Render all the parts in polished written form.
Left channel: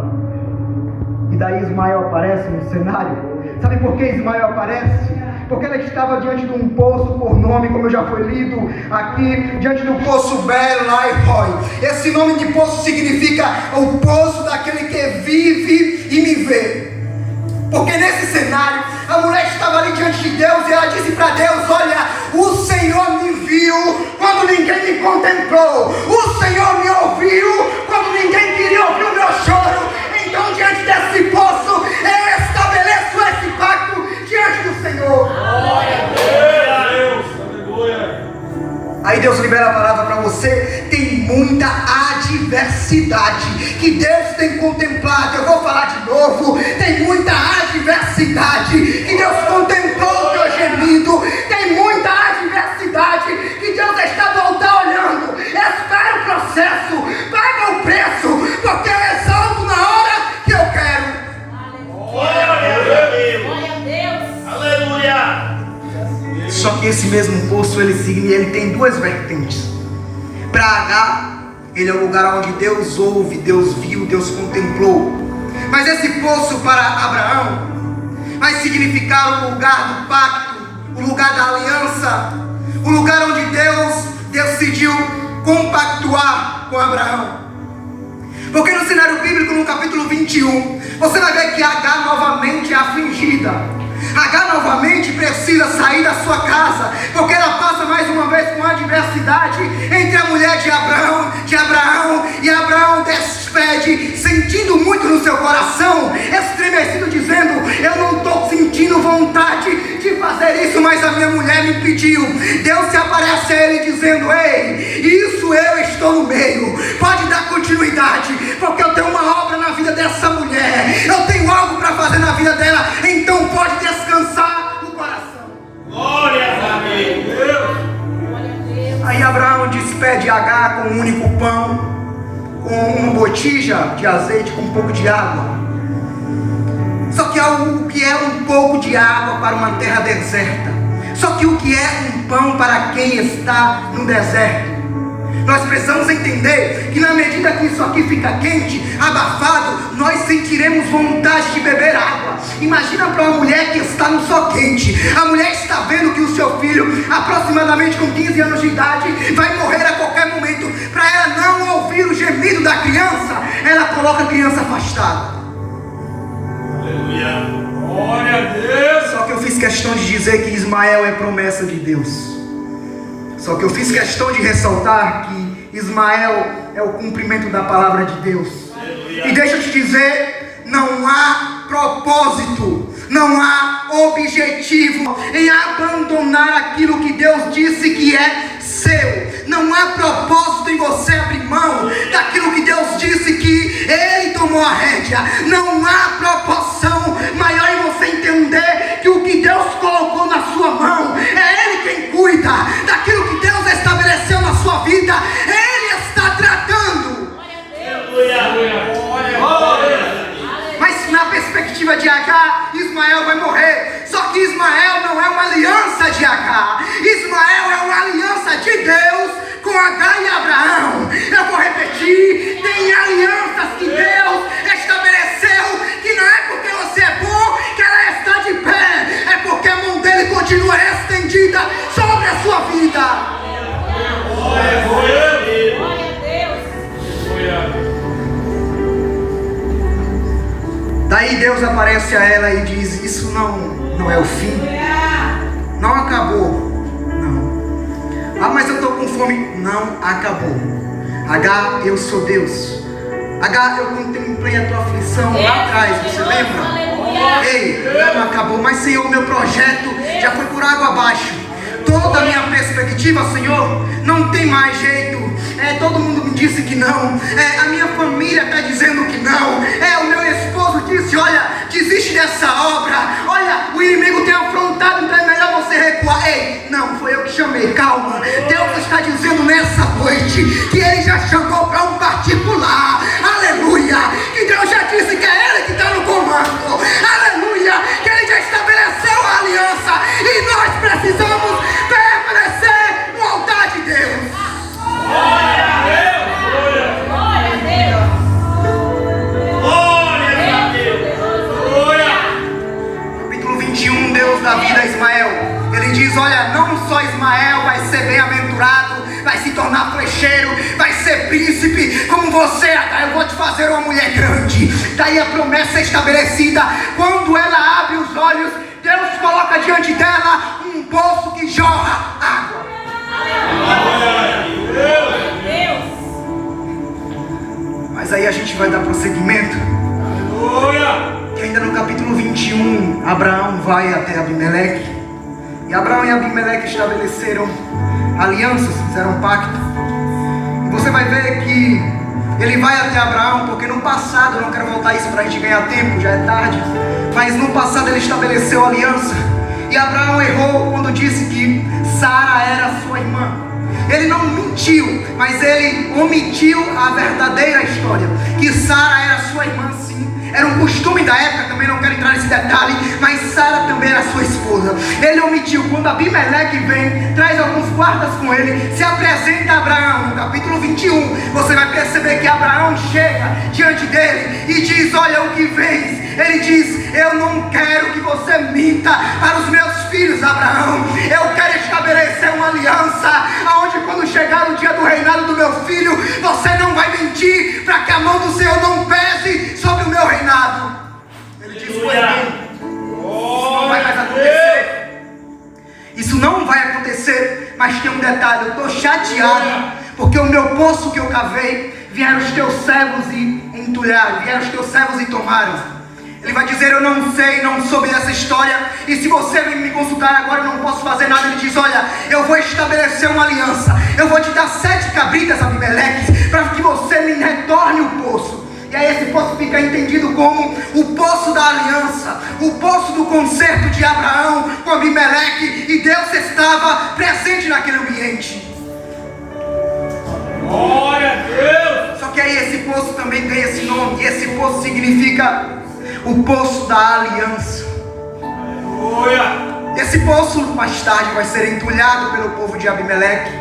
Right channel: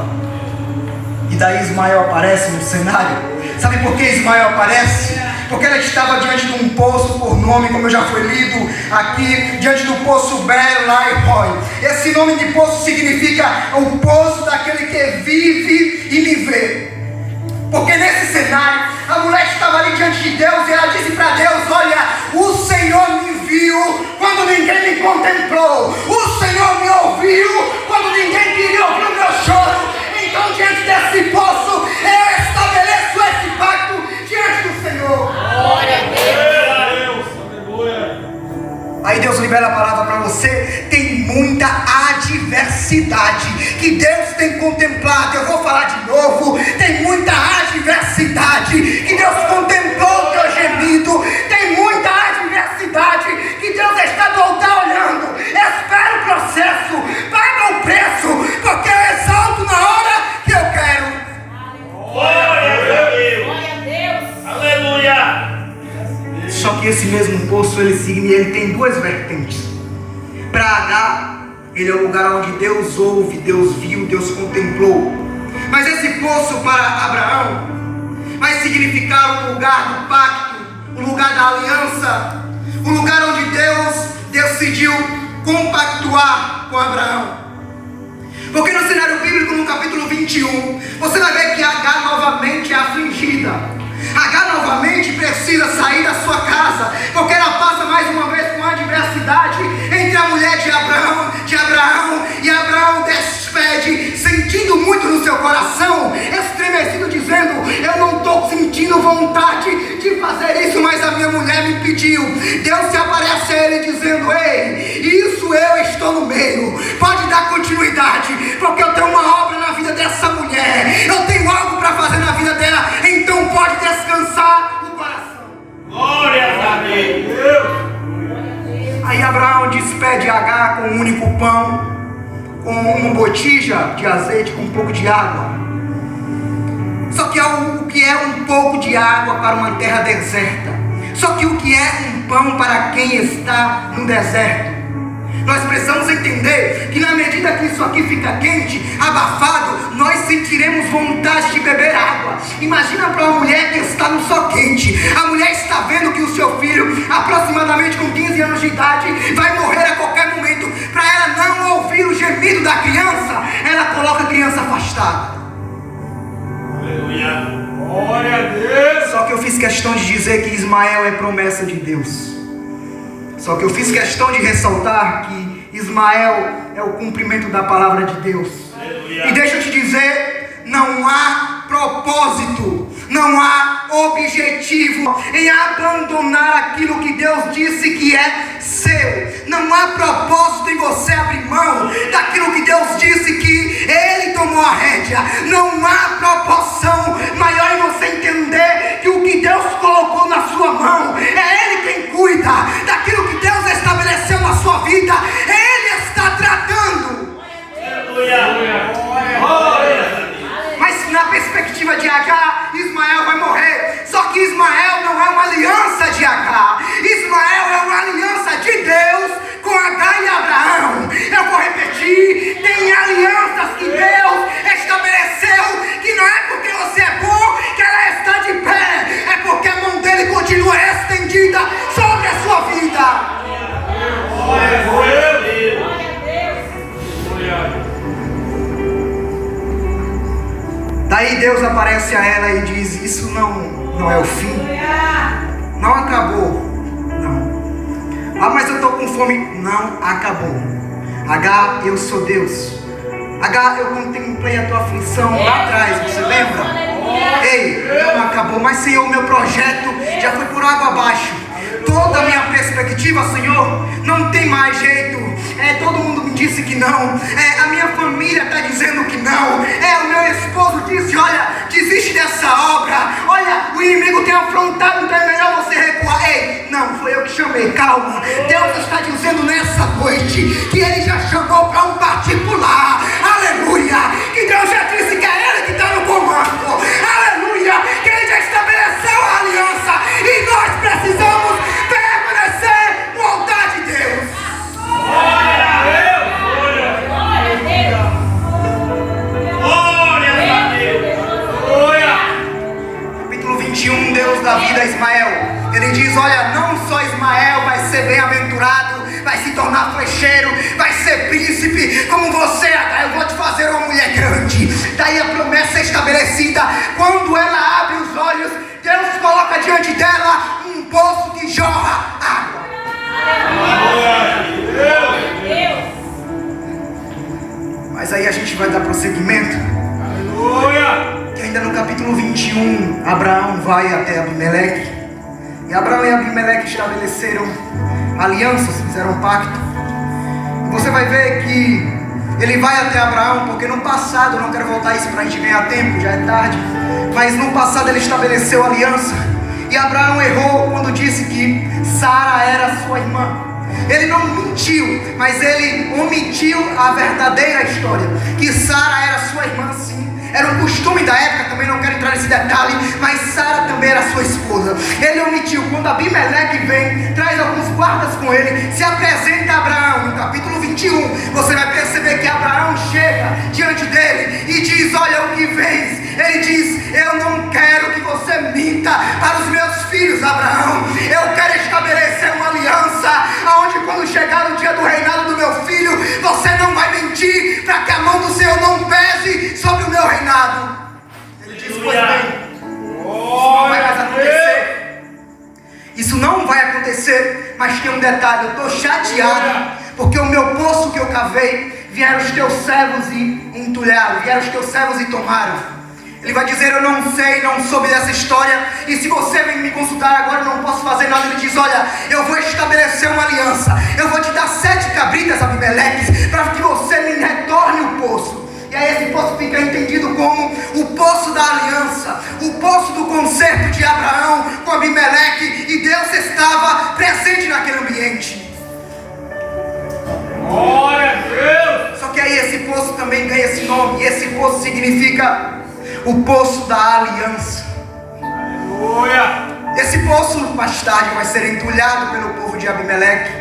ela. E daí Ismael aparece no cenário. Sabe por que Ismael aparece? Porque ela estava diante de um poço por nome, como já foi lido aqui, diante do poço Belai-Roi. Esse nome de poço significa o poço daquele que vive e me vê. Porque nesse cenário, a mulher estava ali diante de Deus e ela disse para Deus: olha, o Senhor me viu quando ninguém me contemplou. O Senhor me ouviu quando ninguém queria ouvir o meu choro. Então, diante desse poço, eu estabeleço esse pacto diante do Senhor. Glória a Deus. Aleluia. Aí Deus libera a palavra para você. Tem muita adversidade que Deus tem contemplado. Eu vou falar de novo. Tem muita adversidade que Deus contemplou o teu gemido. Tem muita adversidade que Deus está do altar olhando. Espera o processo, paga o preço, porque eu exalto na hora que eu quero. Glória a Deus. Aleluia. Só que esse mesmo poço ele tem duas vertentes. Para Agar, ele é o lugar onde Deus ouve, Deus viu, Deus contemplou. Mas esse poço para Abraão vai significar o lugar do pacto, o lugar da aliança, o lugar onde Deus decidiu compactuar com Abraão. Porque no cenário bíblico, no capítulo 21, você vai ver que Agar novamente é afligida. Agar novamente precisa sair da sua casa, porque ela passa mais uma vez com a adversidade entre a mulher de Abraão, e Abraão despede, sentindo muito no seu coração, estremecido, dizendo: eu não estou sentindo vontade de fazer isso, mas a minha mulher me pediu. Deus se aparece a ele dizendo: ei, isso eu estou no meio, pode dar continuidade, porque eu tenho uma obra na vida dessa mulher, eu tenho algo para fazer na vida dela, então pode descansar no coração. Glória a Deus. Aí Abraão despede Agar com um único pão, com uma botija de azeite, com um pouco de água. Só que o que é um pouco de água para uma terra deserta? Só que o que é um pão para quem está no deserto? Nós precisamos entender que na medida que isso aqui fica quente, abafado, nós sentiremos vontade de beber água. Imagina para uma mulher que está no sol quente. A mulher está vendo que o seu filho, aproximadamente com 15 anos de idade, vai morrer a qualquer momento. Para ela não ouvir o gemido da criança, ela coloca a criança afastada. Aleluia. Glória a Deus. Só que eu fiz questão de dizer que Ismael é promessa de Deus. Só que eu fiz questão de ressaltar que Ismael é o cumprimento da palavra de Deus. Aleluia. E deixa eu te dizer, não há propósito, não há objetivo em abandonar aquilo que Deus disse que é seu. Não há propósito em você abrir mão daquilo que Deus disse que Ele tomou a rédea. Não há proporção maior em você entender que o que Deus colocou na sua mão é Ele quem cuida daquilo que Deus estabeleceu na sua vida. Ele está tratando. Aleluia. Glória. Mas na perspectiva de Agar, Ismael vai morrer. Só que Ismael não é uma aliança de Agar. Ismael é uma aliança de Deus com Agar e Abraão. Eu vou repetir: tem alianças que Deus estabeleceu, que não é porque você é bom que ela está de pé, é porque a mão dele continua estendida sobre a sua vida. Glória a Deus. Daí Deus aparece a ela e diz: isso não é o fim, não acabou, não. Ah, mas eu estou com fome. Não acabou. Agar, eu sou Deus. Agar, eu contemplei a tua aflição lá atrás, você lembra? Ei, não acabou, mas Senhor, meu projeto já foi por água abaixo. Toda a minha perspectiva, Senhor, não tem mais jeito. Todo mundo me disse que não. A minha família está dizendo que não. O meu esposo disse: olha, desiste dessa obra. Olha, o inimigo tem afrontado, então é melhor você recuar. Ei, não, foi eu que chamei, calma. Deus está dizendo nessa noite que Ele já chamou para um particular. Aleluia. Que Deus já disse que é Ele que está no comando. Aleluia. Que Ele já estabeleceu a aliança. E nós precisamos permanecer no altar de Deus. Glória a Deus. Glória a Deus. Glória a Ismael. Ele diz: olha, não só Ismael vai ser bem-aventurado, vai se tornar flecheiro, vai ser príncipe, como você, eu vou te fazer uma mulher grande. Daí a promessa é estabelecida. Quando ela abre os olhos, Deus coloca diante dela um poço que jorra água. Mas aí a gente vai dar prosseguimento. Que ainda no capítulo 21, Abraão vai até Abimeleque. E Abraão e Abimeleque estabeleceram alianças, fizeram um pacto. E você vai ver que ele vai até Abraão, porque no passado, eu não quero voltar isso para a gente ganhar tempo, já é tarde, mas no passado ele estabeleceu aliança. E Abraão errou quando disse que Sara era sua irmã. Ele não mentiu, mas ele omitiu a verdadeira história, que Sara era sua irmã, sim. Era um costume da época, também não quero entrar nesse detalhe, mas Sara também era sua esposa. Ele omitiu. Quando Abimeleque vem, traz alguns guardas com ele, se apresenta a Abraão. No capítulo 21, você vai perceber que Abraão chega diante dele e diz: olha o que vens. Ele diz: eu não quero que você minta para os meus filhos, Abraão. Eu quero estabelecer uma aliança, onde quando chegar o dia do reinado do meu filho, você não vai mentir, para que a mão do Senhor não pese sobre o meu reinado. Ele diz: pois bem, isso não vai mais acontecer. Isso não vai acontecer, mas tem um detalhe: eu estou chateado, porque o meu poço que eu cavei, vieram os teus servos e entulharam, vieram os teus servos e tomaram. Ele vai dizer: eu não sei, não soube dessa história, e se você vem me consultar agora, eu não posso fazer nada. Ele diz: olha, eu vou estabelecer uma aliança, eu vou te dar 7 cabritas, Abimeleque, para que você me retorne o poço. E aí esse poço fica entendido como o poço da aliança, o poço do concerto de Abraão com Abimeleque, e Deus estava presente naquele ambiente. Glória a Deus! Só que aí esse poço também ganha esse nome, e esse poço significa o poço da aliança. Aleluia! Esse poço mais tarde vai ser entulhado pelo povo de Abimeleque.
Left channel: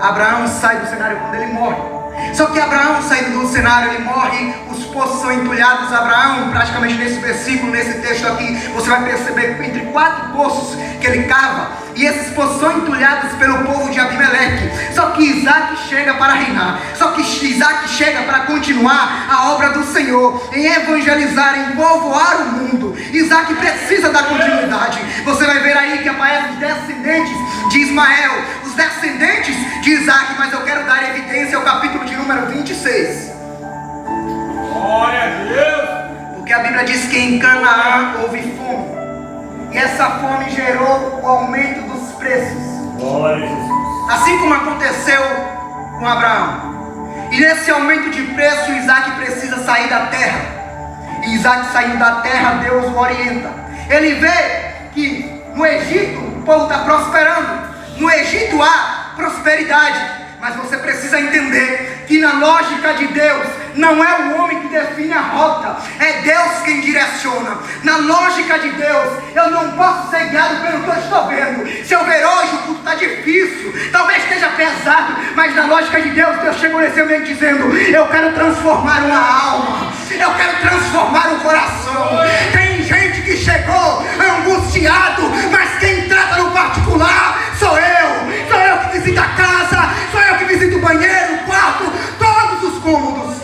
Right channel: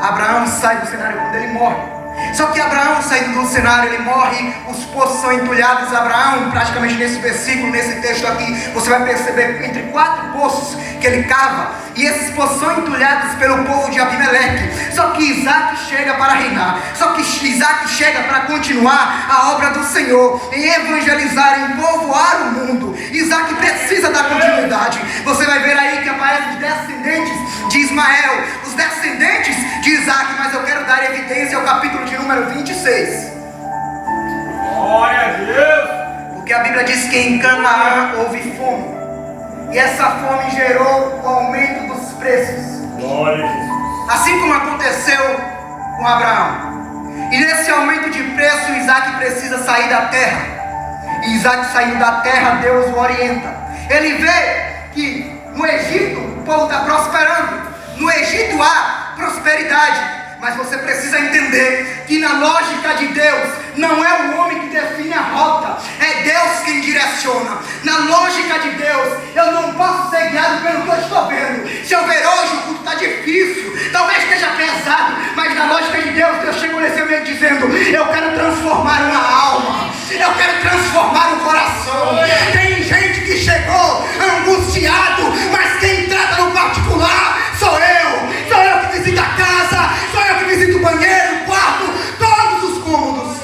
Abraão sai do cenário quando ele morre. Só que Abraão saindo do cenário, ele morre, os poços são entulhados. Abraão, praticamente nesse versículo, nesse texto aqui, você vai perceber entre 4 poços que ele cava, e esses poços são entulhados pelo povo de Abimeleque. Só que Isaac chega para reinar, só que Isaac chega para continuar a obra do Senhor, em evangelizar, em povoar o mundo. Isaac precisa da continuidade. Você vai ver aí que aparecem os descendentes de Ismael, os descendentes de Isaac, mas eu quero dar evidência ao capítulo de número 26. Glória a Deus! Porque a Bíblia diz que em Canaã houve fome, e essa fome gerou o aumento dos preços. Glória a Jesus! Assim como aconteceu com Abraão. E nesse aumento de preço, Isaac precisa sair da terra. E Isaac saindo da terra, Deus o orienta. Ele vê que no Egito o povo está prosperando. No Egito há prosperidade. Mas você precisa entender que na lógica de Deus, não é o homem que define a rota, é Deus quem direciona. Na lógica de Deus, eu não posso ser guiado pelo que eu estou vendo. Se eu ver hoje, o culto está difícil, talvez esteja pesado, mas na lógica de Deus, Deus chegou nesse ambiente dizendo: eu quero transformar uma alma, eu quero transformar um coração. Tem gente que chegou angustiado, mas quem trata no particular sou eu que visito a casa, sou eu que visito o banheiro, o quarto, todos os cômodos.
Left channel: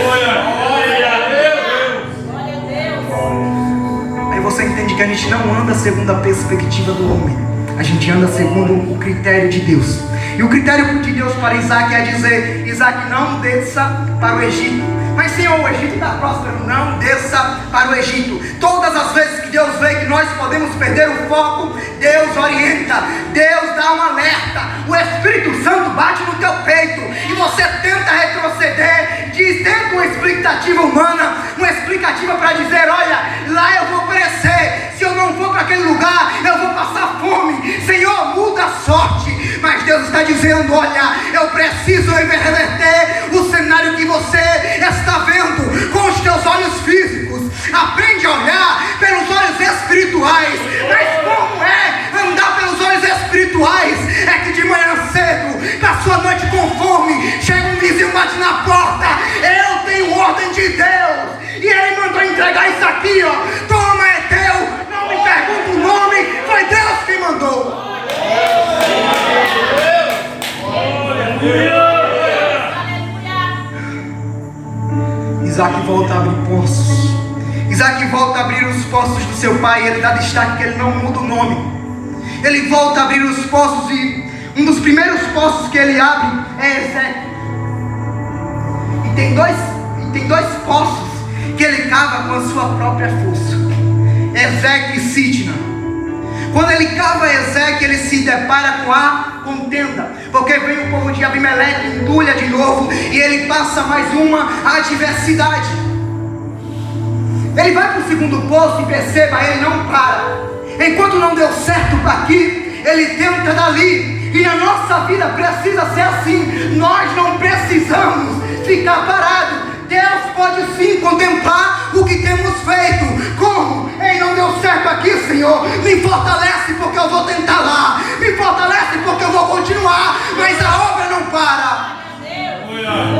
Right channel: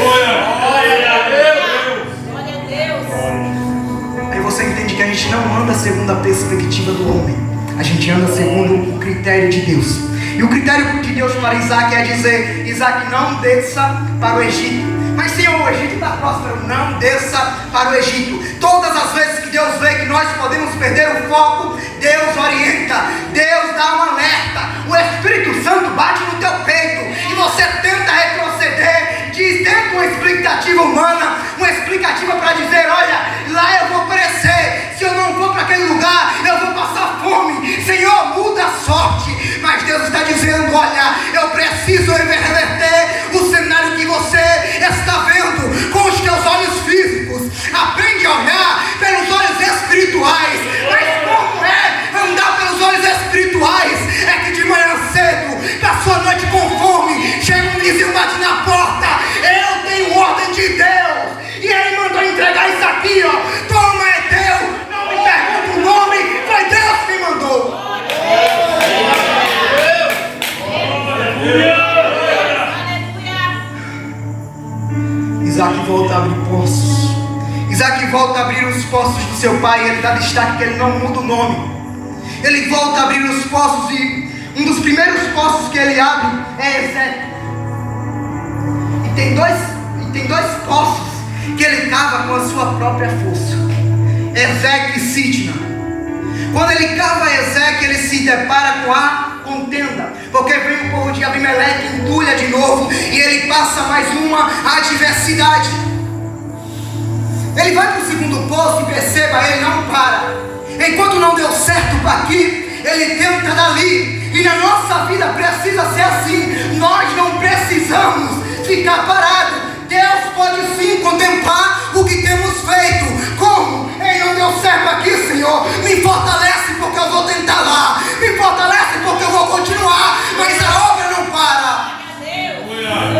Glória a Deus! Glória a Deus! Aí você entende que a gente não anda segundo a perspectiva do homem, a gente anda segundo o critério de Deus. E o critério de Deus para Isaac é dizer: Isaac, não desça para o Egito. Mas Senhor, o Egito está próspero. Não desça para o Egito. Todas as vezes que Deus vê que nós podemos perder o foco, Deus orienta, Deus dá um alerta. O Espírito Santo bate no teu peito e você tenta retroceder, diz, tenta uma explicativa humana, uma explicativa para dizer: olha, lá eu vou perecer, se eu não for para aquele lugar, eu vou passar fome. Senhor, muda a sorte. Mas Deus está dizendo: olha, eu preciso reverter o cenário que você está vendo com os teus olhos físicos. Aprende a olhar pelos olhos espirituais. Mas como é andar pelos olhos espirituais? É que de manhã cedo, da sua noite com fome, chega um vizinho, bate na porta: eu tenho ordem de Deus, e ele mandou entregar isso aqui, ó. Toma, é teu. Não me pergunta o nome, foi poços. Isaac volta a abrir os poços do seu pai. Ele dá destaque que ele não muda o nome. Ele volta a abrir os poços e um dos primeiros poços que ele abre é Ezeque. E tem dois poços que ele cava com a sua própria força: Ezeque e Sitna. Quando ele cava Ezeque, ele se depara com a contenda, porque vem o povo de Abimeleque, entulha de novo, e ele passa mais uma adversidade. Ele vai para o segundo poço e perceba, ele não para. Enquanto não deu certo para aqui, ele tenta dali. E na nossa vida precisa ser assim. Nós não precisamos ficar parados. Deus pode sim contemplar o que temos feito. Como? Ei, não deu certo aqui, Senhor. Me fortalece porque eu vou tentar lá. Me fortalece porque eu vou continuar. Mas a obra não para.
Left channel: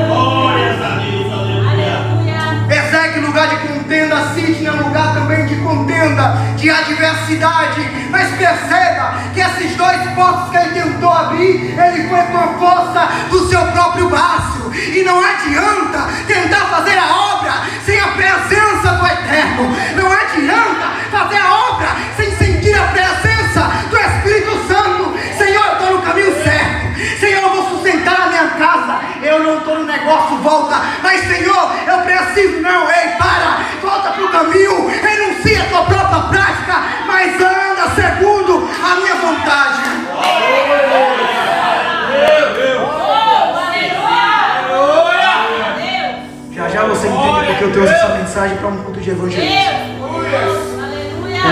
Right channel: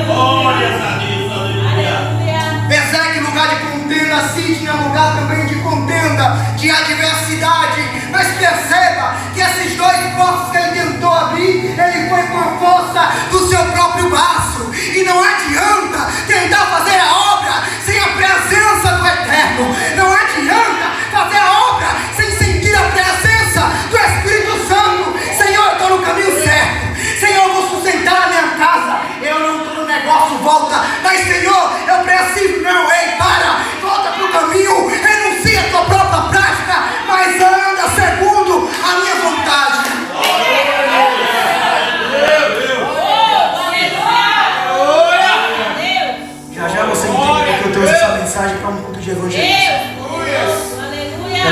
Glórias a Deus, aleluia. Ezeque, lugar de contenda, Sitna, lugar também de contenda, de adversidade. Mas perceba que esses dois poços que ele tentou abrir, ele foi com a força do seu próprio braço. E não adianta tentar fazer a obra sem a presença do Eterno. Não adianta fazer a obra sem sentir a presença do Espírito Santo. Senhor, eu estou no caminho certo. Senhor, eu vou sustentar a minha casa. Eu não estou no negócio, volta. Mas Senhor, eu preciso, não, ei, para. Volta para o caminho, renuncia a tua própria prática, mas anda segundo a minha vontade. Já você entende porque eu trouxe essa mensagem para um culto de evangelismo.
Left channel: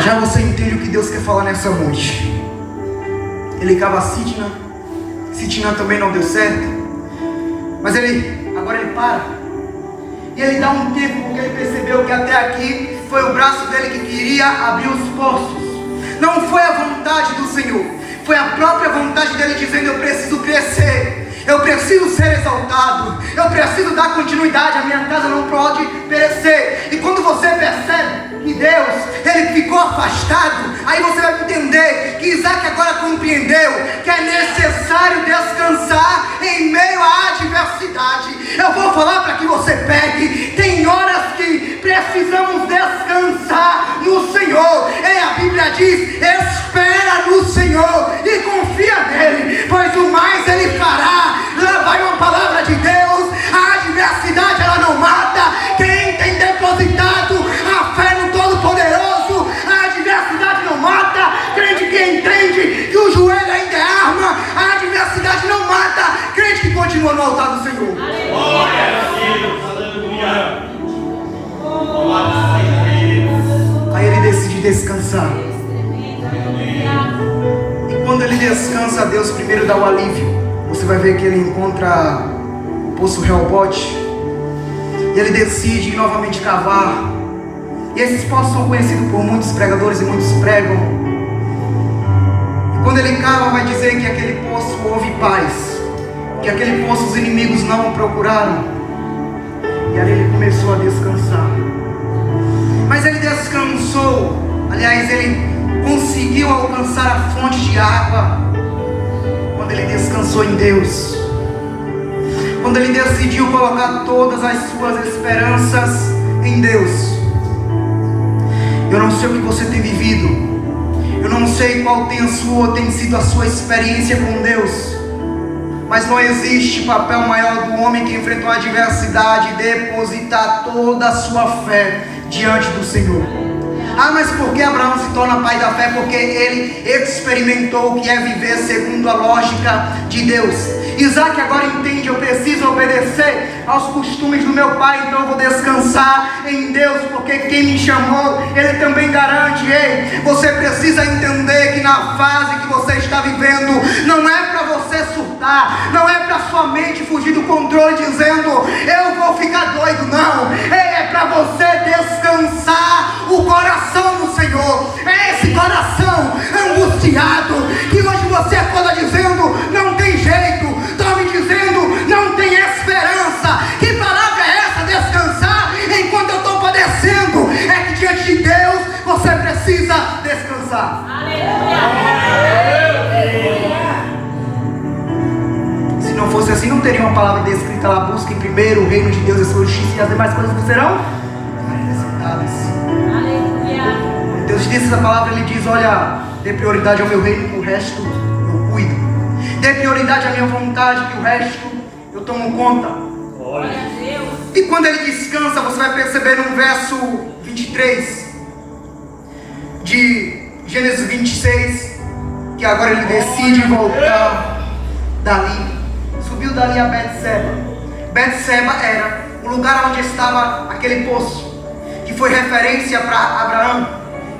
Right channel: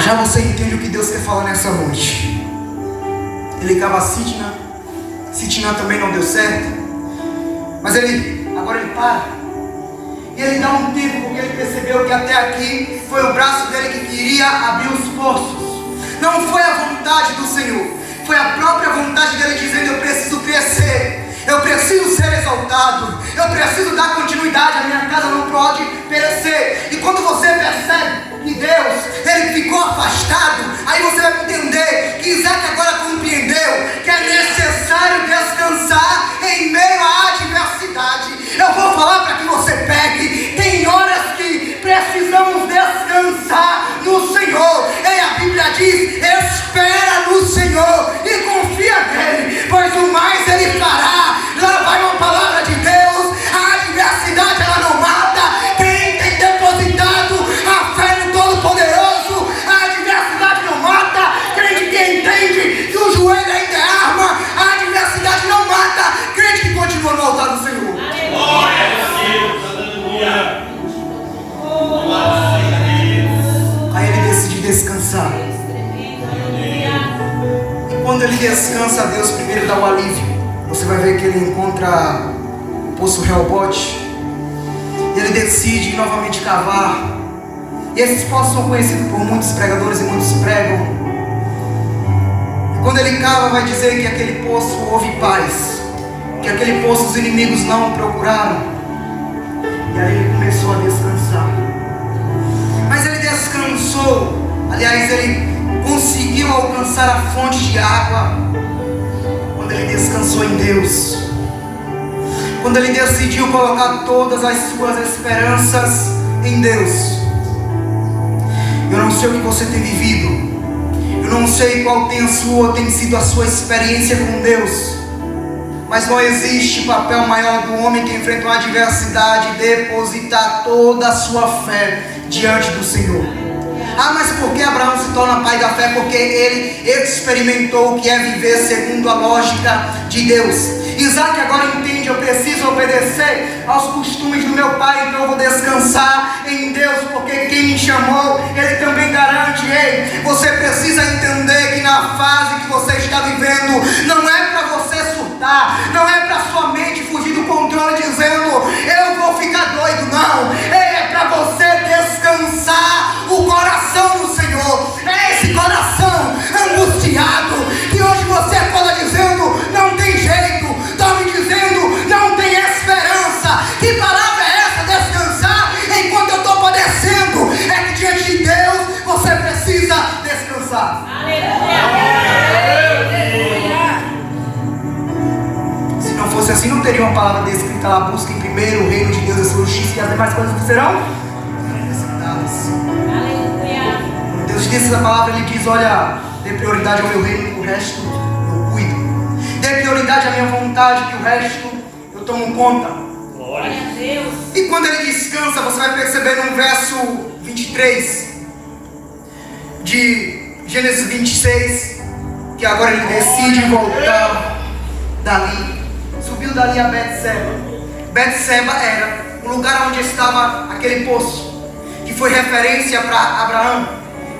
Já você entende o que Deus quer falar nessa noite. Ele cava Sitna. Sitna também não deu certo. Mas agora ele para. E ele dá um tempo porque ele percebeu que até aqui foi o braço dele que queria abrir os poços. Não foi a vontade do Senhor. Foi a própria vontade dele dizendo: eu preciso crescer. Eu preciso ser exaltado. Eu preciso dar continuidade. A minha casa não pode perecer. E quando você percebe que Deus, ele ficou afastado, aí você vai entender que Isaac agora compreendeu que é necessário descansar em meio à adversidade. Eu vou falar para que você pegue. Tem horas que precisamos descansar no Senhor. E a Bíblia diz: espera no Senhor e confia nele, pois o mais ele fará. Lá vai uma palavra de Deus. A adversidade ela não mata. Quem tem depositado a fé no Todo-Poderoso, a adversidade não mata. Crente que entende que o joelho ainda é arma, a adversidade não mata. Crente que continua no altar do Senhor. Glória a Deus, aleluia. Glória a Deus. Aí ele decide descansar. E quando ele descansa, Deus primeiro dá o alívio. Você vai ver que ele encontra o poço Rehobote. E ele decide novamente cavar. E esses poços são conhecidos por muitos pregadores e muitos pregam. E quando ele cava, vai dizer que aquele poço houve paz, que aquele poço os inimigos não o procuraram. E aí ele começou a descansar. Mas ele descansou. Aliás, ele conseguiu alcançar a fonte de água quando ele descansou em Deus. Quando ele decidiu colocar todas as suas esperanças em Deus. Eu não sei o que você tem vivido. Eu não sei qual tem sido a sua experiência com Deus. Mas não existe papel maior do homem que enfrenta uma adversidade depositar toda a sua fé diante do Senhor. Ah, mas por que Abraão se torna pai da fé? Porque ele experimentou o que é viver segundo a lógica de Deus. Isaac agora entende: eu preciso obedecer aos costumes do meu pai, então eu vou descansar em Deus, porque quem me chamou, ele também garante. Ei, você precisa entender que na fase que você está vivendo, não é para você surtar, não é para sua mente fugir do controle dizendo: eu vou ficar doido, não. É para você descansar o coração no Senhor. É esse coração angustiado que hoje você acorda dizendo: não tem jeito. Está me dizendo: não tem esperança. Que palavra é essa? Descansar enquanto eu estou padecendo. É que diante de Deus você precisa descansar. Se não fosse assim, não teria uma palavra descrita lá: busque primeiro o reino de Deus, a sua justiça, e as demais coisas serão diz a palavra, ele diz, olha, dê prioridade ao meu reino, o resto eu cuido. Dê prioridade à minha vontade, que o resto eu tomo conta. Glória a Deus. E quando ele descansa, você vai perceber no verso 23 de Gênesis 26, que agora ele decide voltar dali. Subiu dali a Betseba. Betseba era o lugar onde estava aquele poço, que foi referência para Abraão,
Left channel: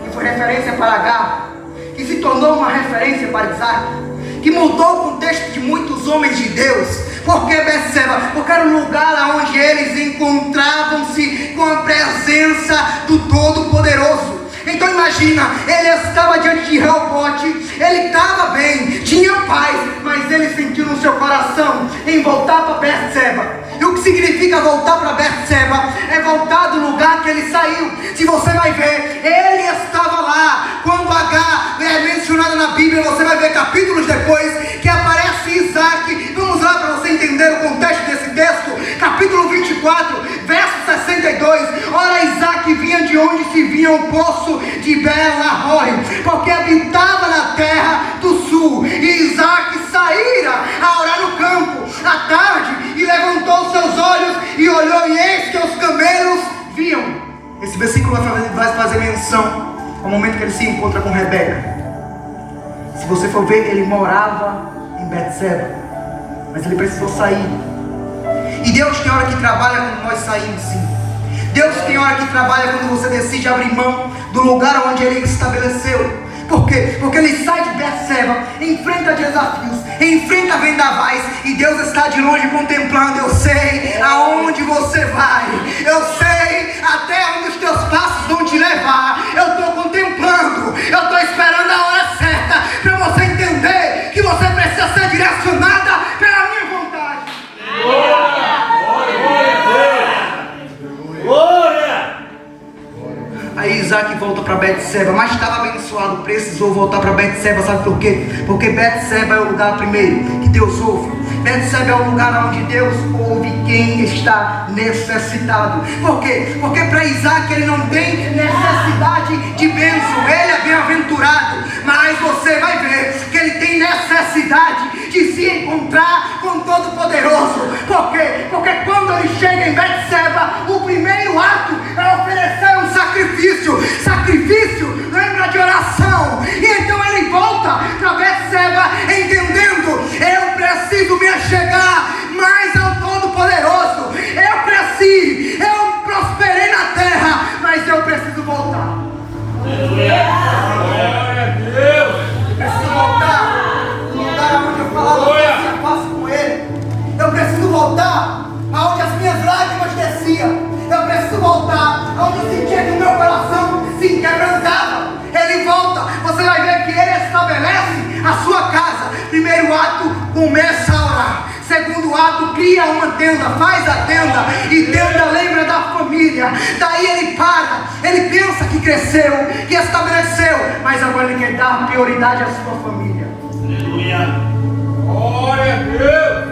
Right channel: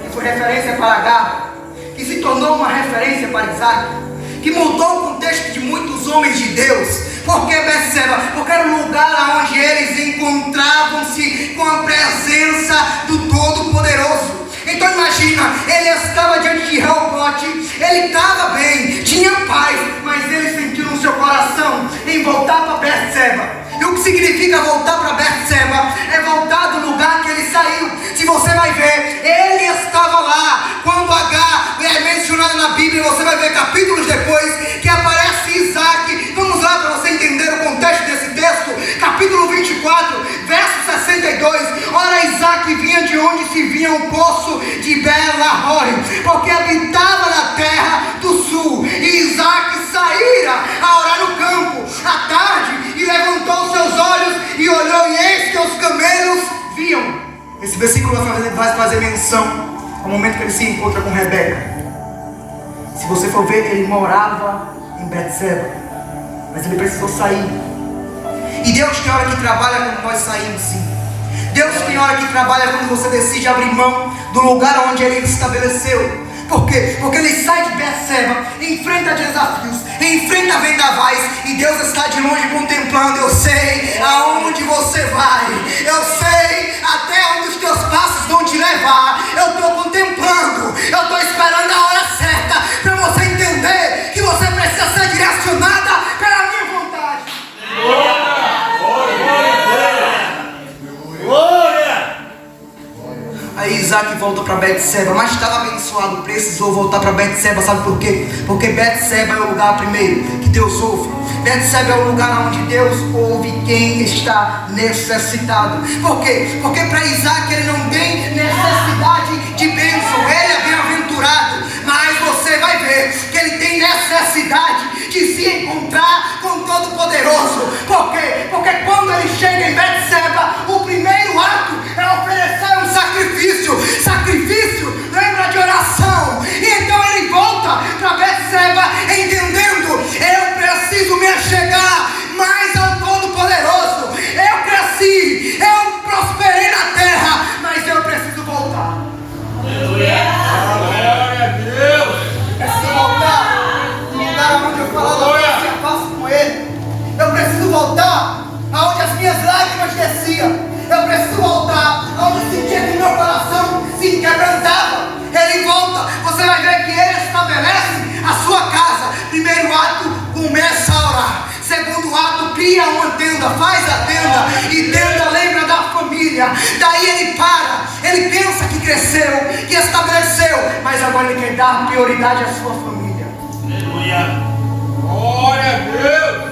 que foi referência para Agar, que se tornou uma referência para Isaac, que mudou o contexto de muitos homens de Deus. Por que Betseba? Porque era um lugar onde eles encontravam-se com a presença do Todo-Poderoso. Então imagina, ele estava diante de Reobote, ele estava bem, tinha paz, mas ele sentiu no seu coração em voltar para Betseba. E o que significa voltar para Betseba? É voltar do lugar que ele saiu. Se você vai ver, ele estava lá. Quando Agar é mencionada na Bíblia, você vai ver capítulos depois que aparece Isaac. Vamos lá para você entender o contexto desse texto. Capítulo 24, verso 62. Ora, Isaac vinha de onde se via o poço de Beer-lahai, porque habitava na terra do sul. E Isaac saíra a orar no campo à tarde, e levantou seus olhos e olhou, e eis que os camelos viam. Esse versículo vai fazer menção ao momento que ele se encontra com Rebeca. Se você for ver, ele morava em Betseba, mas ele precisou sair. E Deus tem hora que trabalha quando nós saímos, sim. Deus tem hora que trabalha quando você decide abrir mão do lugar onde ele estabeleceu. Por quê? Porque ele sai de Betseba, enfrenta desafios, enfrenta vendavais, e Deus está de longe contemplando. Eu sei aonde você vai, eu sei até onde os teus passos vão te levar. Eu estou contemplando, eu estou esperando a hora certa para você entender que você precisa ser direcionada pela minha vontade. Aí Isaac volta para Betseba, mas estava abençoado, precisou voltar para Betseba. Sabe por quê? Porque Betseba é o lugar primeiro que Deus ouve. Betseba é o lugar onde Deus ouve quem está necessitado. Por quê? Porque para Isaac ele não tem necessidade de bênção, ele é bem-aventurado. Mas você vai ver que ele tem necessidade de se encontrar com o Todo-Poderoso. Por quê? Porque quando ele chega em Betseba, o primeiro ato é oferecer um sacrifício. Sacrifício lembra de oração. E então ele volta para Betseba entendendo: eu preciso me achegar mais ao Todo-Poderoso. Eu prosperei na terra, mas eu preciso voltar. Aleluia. Glória a Deus. Preciso voltar no lugar onde eu falava que eu tinha paz com ele. Eu preciso voltar aonde as minhas lágrimas desciam. Eu preciso voltar aonde eu sentia que o meu coração se quebrantava. Ele volta, você vai ver que ele estabelece a sua casa. Primeiro ato, começa a orar. Segundo ato, cria uma tenda, faz a tenda. E tenda lembra da família. Daí ele para, ele pensa que cresceu, que estabeleceu, mas agora ele quer dar prioridade à sua família. Aleluia. Glória a Deus.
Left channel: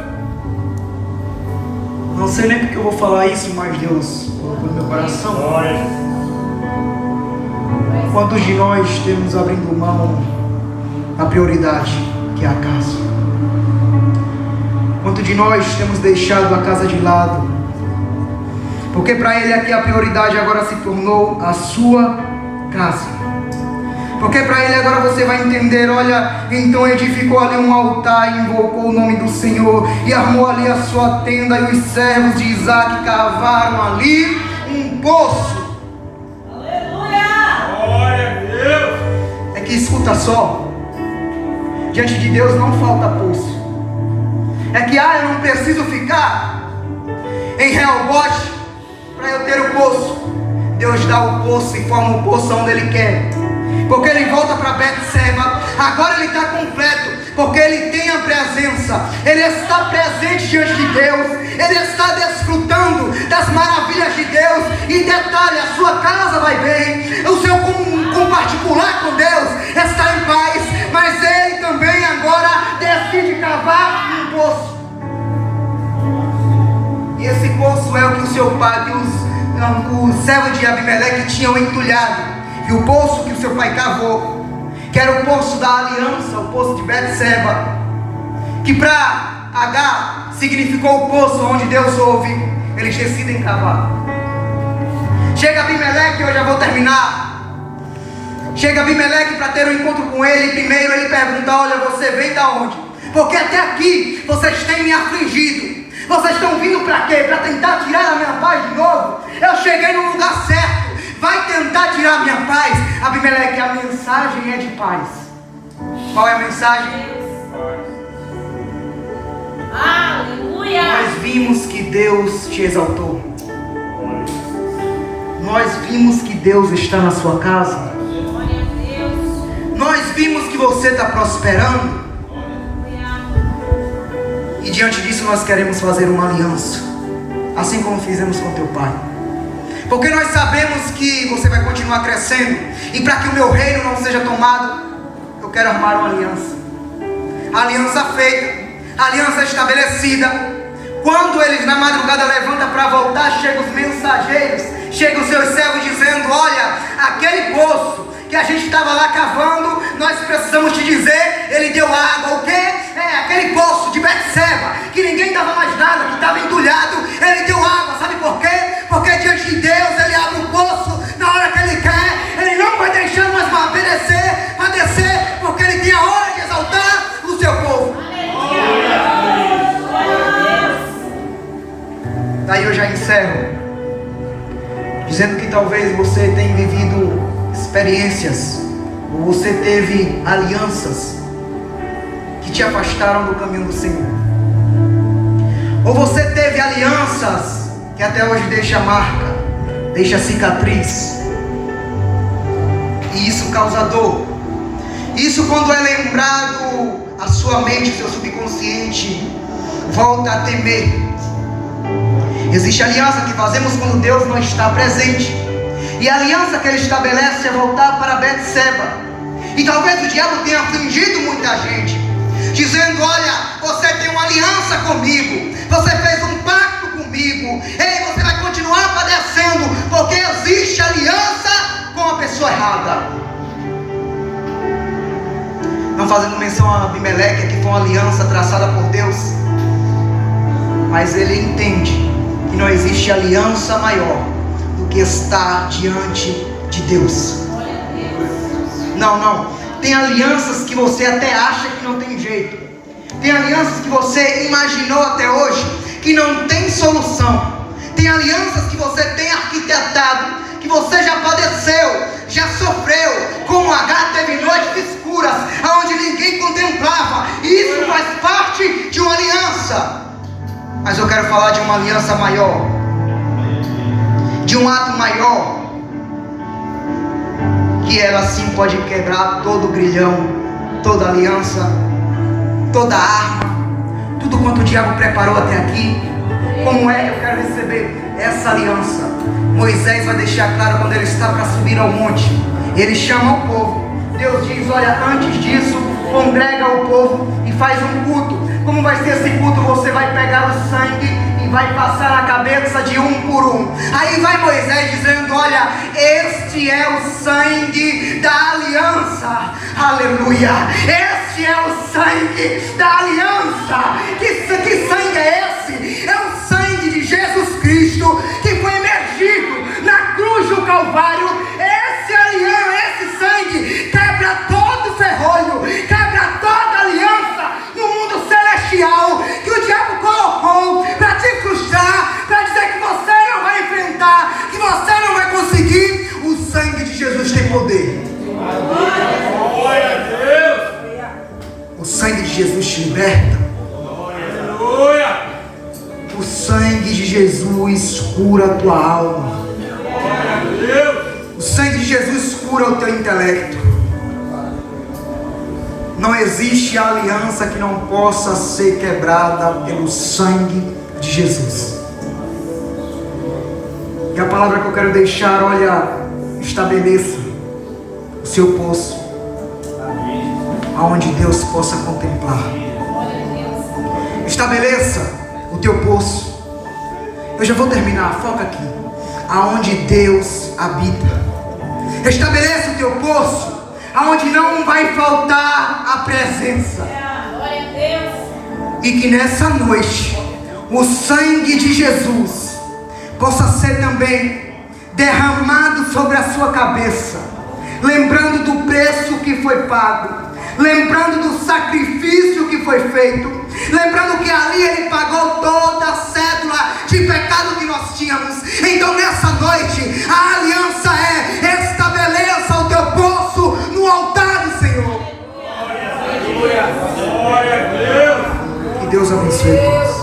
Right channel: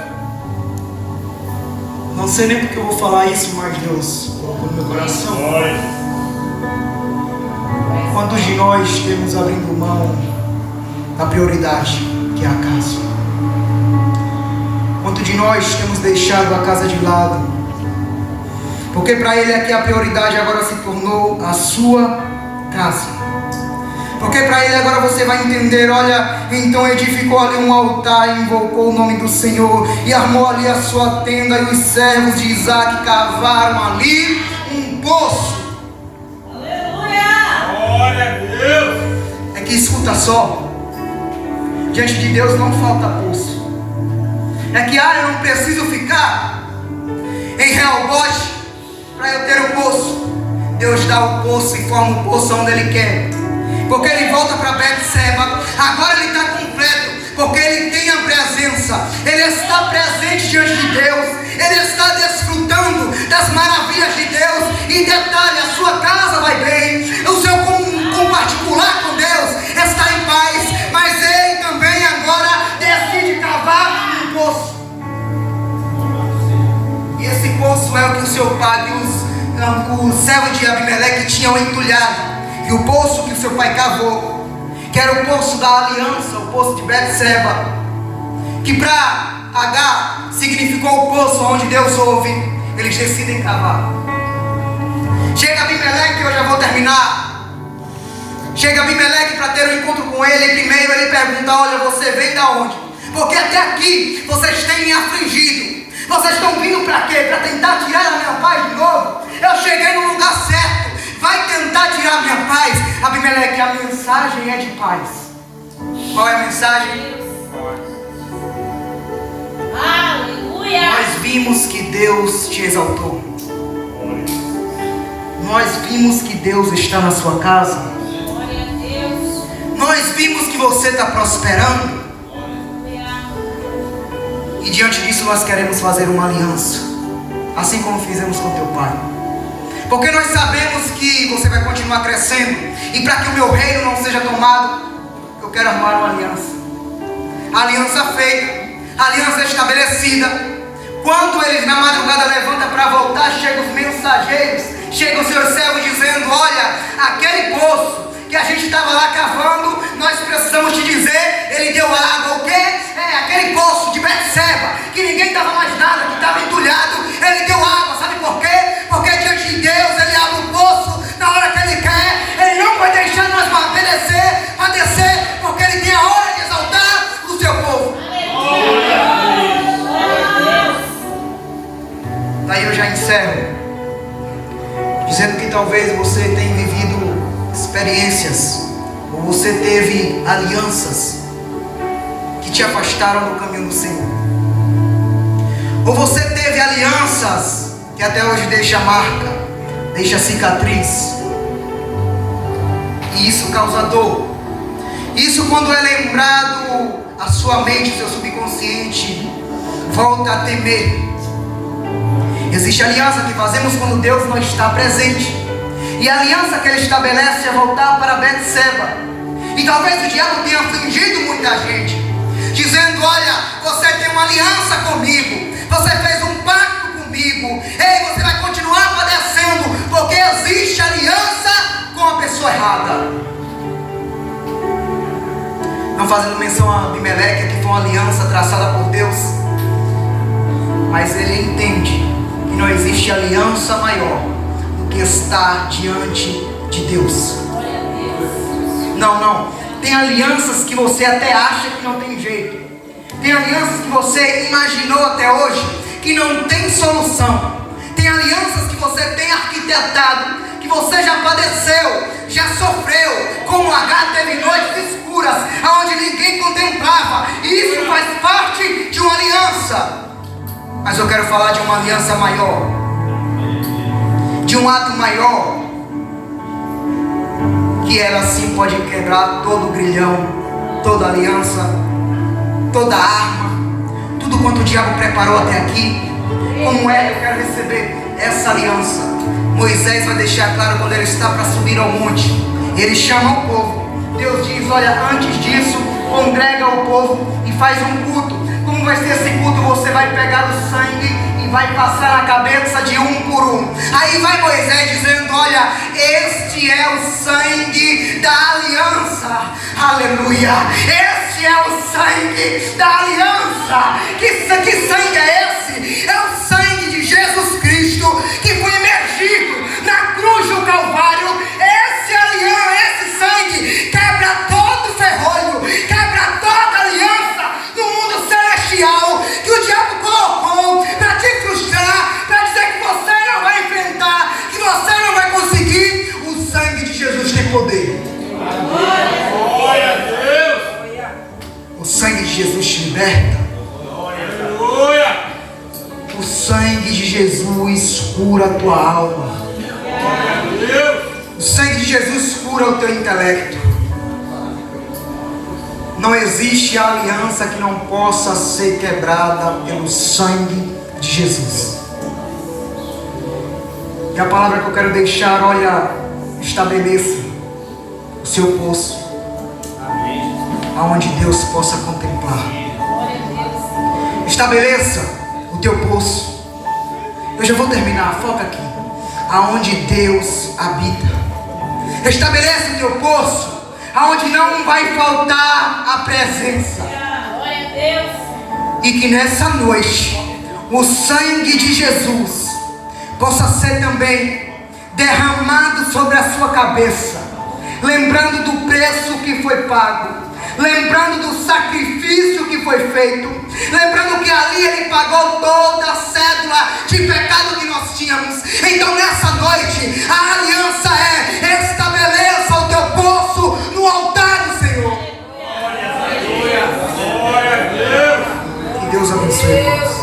Não sei nem porque eu vou falar isso, mas Deus colocou no meu coração. Glória. Quantos de nós temos abrindo mão da prioridade que é a casa? Quantos de nós temos deixado a casa de lado? Porque para ele aqui a prioridade agora se tornou a sua casa. Porque para ele agora você vai entender, olha, então edificou ali um altar e invocou o nome do Senhor, e armou ali a sua tenda, e os servos de Isaac cavaram ali um poço. Aleluia! Glória a Deus. É que escuta só, diante de Deus não falta poço. É que eu não preciso ficar em Reobote para eu ter o poço. Deus dá o poço e forma o poço onde Ele quer. Porque ele volta para Betseba, agora ele está completo, porque ele tem a presença, ele está presente diante de Deus, ele está desfrutando das maravilhas de Deus. E detalhe, a sua casa vai bem, o seu particular com Deus está em paz, mas ele também agora decide cavar um poço. E esse poço é o que o seu pai, o servo de Abimeleque tinham entulhado. que o poço que o seu pai cavou, que era o poço da aliança, o poço de Betseba, que para Agar significou o poço onde Deus ouve, eles decidem cavar. Chega Abimeleque, eu já vou terminar. Chega Abimeleque para ter um encontro com ele. Primeiro ele pergunta: olha, você vem da onde? Porque até aqui vocês têm me afligido. Vocês estão vindo para quê? Para tentar tirar a minha paz de novo? Eu cheguei no lugar certo. Vai tentar tirar a minha paz? Abimeleque, a mensagem é de paz. Qual é a mensagem? Aleluia. Nós vimos que Deus te exaltou. Nós vimos que Deus está na sua casa. Glória a Deus. Nós vimos que você está prosperando. E diante disso nós queremos fazer uma aliança, assim como fizemos com teu pai. Porque nós sabemos que você vai continuar crescendo. E para que o meu reino não seja tomado, eu quero armar uma aliança. Aliança feita, aliança estabelecida. Quando eles na madrugada levantam para voltar, chegam os mensageiros, chegam os seus servos dizendo: olha, aquele poço que a gente estava lá cavando, nós precisamos te dizer, ele deu água. O quê? É aquele poço de Betseba, que ninguém dava mais nada, que estava entulhado, ele deu água. Sabe por quê? Porque diante de Deus ele abre o poço na hora que ele quer. Ele não vai deixar nós padecer, porque ele tem a hora de exaltar o seu povo. Daí eu já encerro dizendo que talvez você tenha vivido experiências, ou você teve alianças que te afastaram do caminho do Senhor, ou você teve alianças que até hoje deixa marca, deixa cicatriz, e isso causa dor. Isso, quando é lembrado, a sua mente, o seu subconsciente volta a temer. Existe aliança que fazemos quando Deus não está presente, e a aliança que ele estabelece é voltar para Betseba. E talvez o diabo tenha afligido muita gente, dizendo: olha, você tem uma aliança comigo, você fez um pacto comigo, ei, você vai continuar padecendo, porque existe aliança com a pessoa errada. Não fazendo menção a Abimeleque, que foi uma aliança traçada por Deus, mas ele entende que não existe aliança maior do que estar diante de Deus. Não. Tem alianças que você até acha que não tem jeito. Tem alianças que você imaginou até hoje que não tem solução. Tem alianças que você tem arquitetado, que você já padeceu, já sofreu, como Agar teve noites escuras, onde ninguém contemplava. E isso faz parte de uma aliança. Mas eu quero falar de uma aliança maior, de um ato maior, que ela sim pode quebrar todo o grilhão, toda aliança, toda arma, tudo quanto o diabo preparou até aqui. Como é que eu quero receber essa aliança? Moisés vai deixar claro quando ele está para subir ao monte. Ele chama o povo. Deus diz: olha, antes disso, congrega o povo e faz um culto. Como vai ser esse culto? Você vai pegar o sangue e vai passar na cabeça de um por um. Aí vai Moisés dizendo: olha, este é o sangue da aliança. Aleluia! Este é o sangue da aliança. Que sangue é esse? É o sangue de Jesus Cristo, que foi emergido na cruz do Calvário. Esse sangue quebra todo ferrolho, quebra toda aliança no mundo celestial que o diabo colocou para te frustrar, para dizer que você não vai enfrentar, que você não vai conseguir. O sangue de Jesus tem poder. Glória a Deus. O sangue de Jesus te liberta. Aleluia. O sangue de Jesus cura a tua alma. Glória a Deus. O sangue de Jesus cura o teu intelecto. Não existe aliança que não possa ser quebrada pelo sangue de Jesus. E a palavra que eu quero deixar, olha, estabeleça o seu poço, aonde Deus possa contemplar. Estabeleça o teu poço. Eu já vou terminar, foca aqui. Aonde Deus habita. Estabeleça o teu poço, aonde não vai faltar a presença. Glória a Deus. E que nessa noite o sangue de Jesus possa ser também derramado sobre a sua cabeça, lembrando do preço que foi pago, lembrando do sacrifício que foi feito, lembrando que ali Ele pagou toda a cédula de pecado que nós tínhamos. Então nessa noite a aliança é: estabeleça o teu poço no altar do Senhor. Glória a Deus. Que Deus abençoe todos.